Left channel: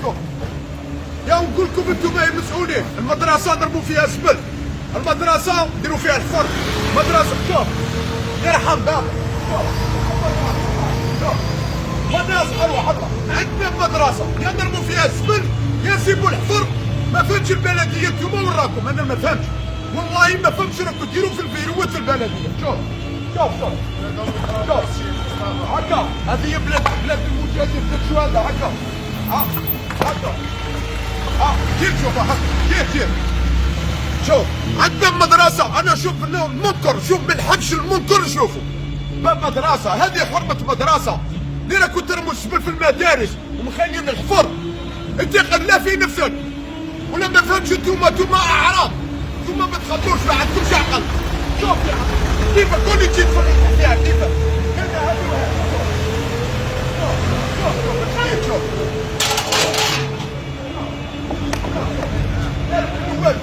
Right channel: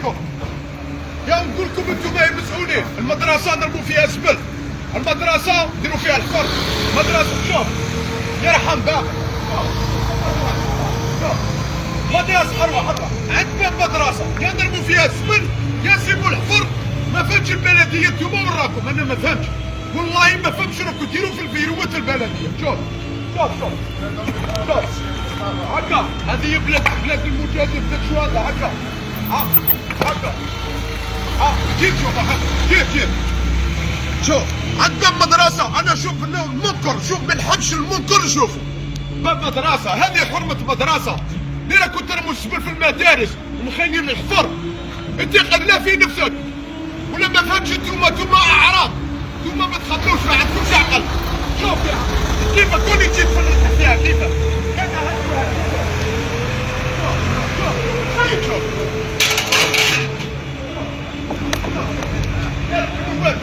عليكم. يا نقول لكم انتم المسؤولين، المدرسه نرموا فيها الزبل، المدرسه نديروا فيها الحفر، مدرسه شوف يرحم باقي مدرسه حلوه عندنا مدرسه يا نرموا فيها الزبل يا نسيبوا الحفر. ما فهمتش البلديه انتم وين راكم؟ انا ما فهمتش والله ما فهمتش راكم ديروا في الفيروات البلديه. شوف هكا هذه بلاد المجاهدين، بلاد الشهداء. هكا هكا كيف شوف هكا كيف شوف عندنا مدرسة. أنا شوف المنكر، شوف ما نحبش المنكر نشوفه. مدرسة هذه حرمة مدرسة. أنا كنت رموا الزبل في المدارس ومخلين الحفر. أنت لا في نفسك ولا ما فهمتش. انتوما أعراض، انتوما ما تخبروش، ما عندكمش عقل. شوف كيف كوني تجي تفرج فيها كيف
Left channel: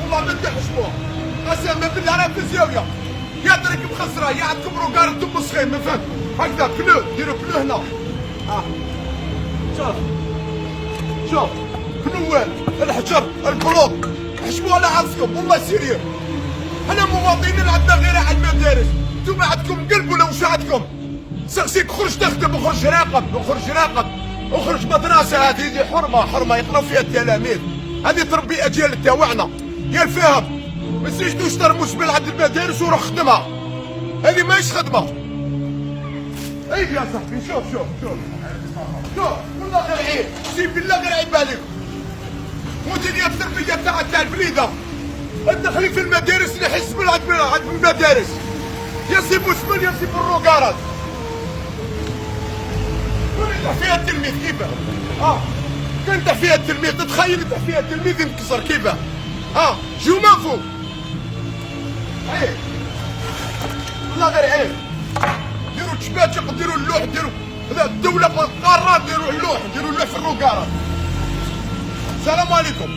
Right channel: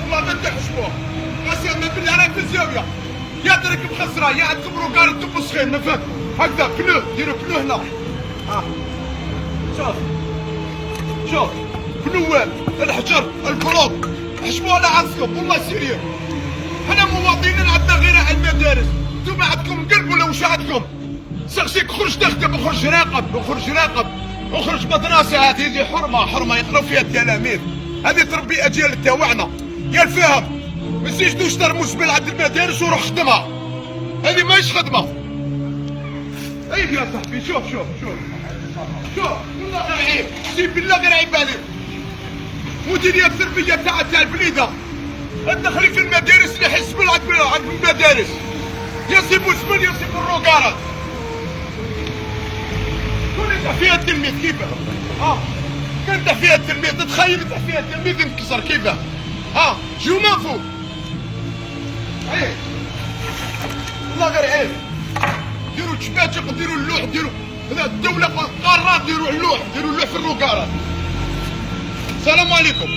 والله ما تحسبوه. قسما بالله راه في الزاويه يا درك مخسره يا عندكم روكار انتم مسخين. ما فهمت هكذا بلو ديروا بلو هنا. شوف بلوات الحجر البلوط حسبوا على عرفكم والله سيريو. حنا مواطنين عندنا غير على المدارس، انتم عندكم قلب ولا واش عندكم؟ سقسيك خرج تخدم وخرج راقب وخرج مدرسه. هذه حرمه يقراو فيها التلاميذ. هذه تربي اجيال تاوعنا يا الفهم. ما تزيدوش ترموا زبل عند المدارس وروح خدمها، هذه ماهيش خدمه. اي يا صاحبي شوف والله غير عيب، سيب بالله غير عيب عليك. مديريه التربيه تاع البليده الدخلي في المدارس اللي يحس عند المدارس يسيبوا الزبل يسيبوا الروكارات. وين فيها التلميذ كيفاه؟ كان فيها التلميذ تتخيل فيها التلميذ ينكسر كيفاه؟ جو مافو عيب والله غير عيب. ديروا تشباتق ديروا اللوح ديروا الدولة قررت ديروا اللوح في الروكارات. السلام عليكم.